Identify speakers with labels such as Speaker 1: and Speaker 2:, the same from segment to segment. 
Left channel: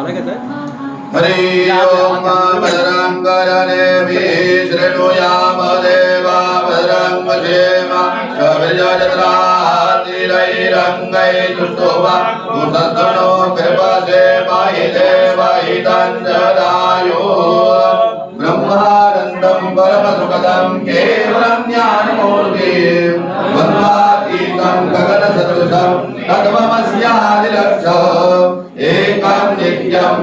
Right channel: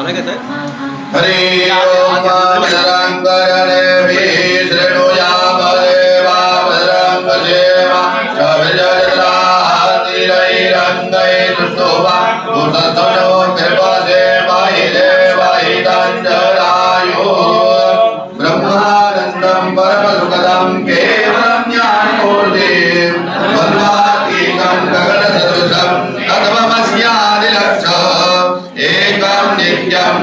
Speaker 1: हरि ओम दण्डरायो ब्रह्मानन्दं परमसुखदं केवलं ज्ञानमूर्तिं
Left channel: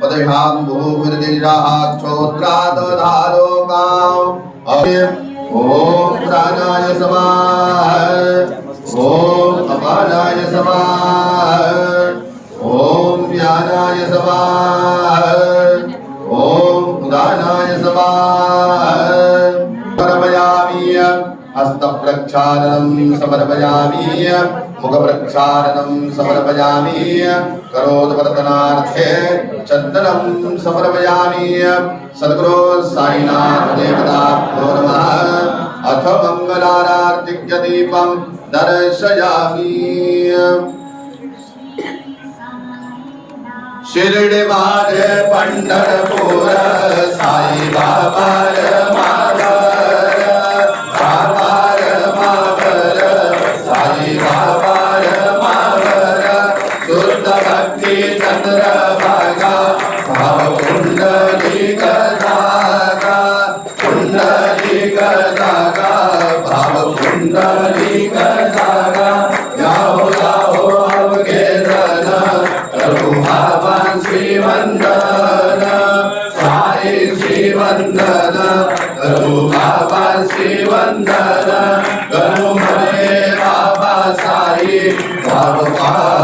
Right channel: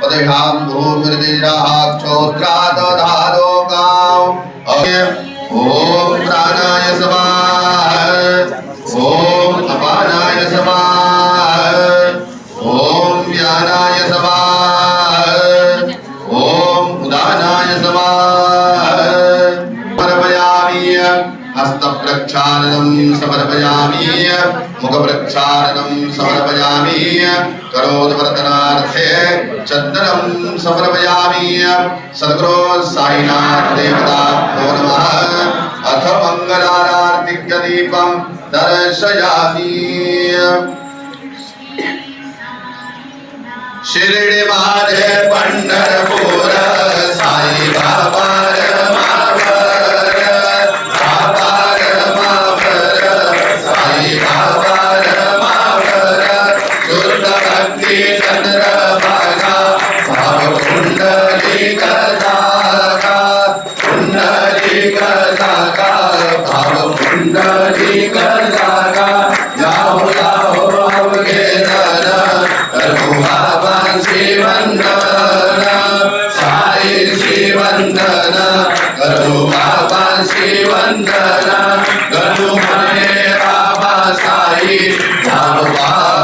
Speaker 1: पदघां भूमिर्दिराक्षोद्रादधालोकाम् ॐ प्राणाय समाः। हस्तप्रक्षालनं समर्पयामि। मुखप्रक्षालनं समर्पयामि। करोदवर्तनार्थे चन्दनं समर्पयामि। सद्गुरो साईनाथ देवताभ्यो नमः। अथ मङ्गलारार्तिक्यदीपं दर्शयामि। शिर्डी माझे पंढरपूर श्रीवंदन गणु मने बाबा साई बाबा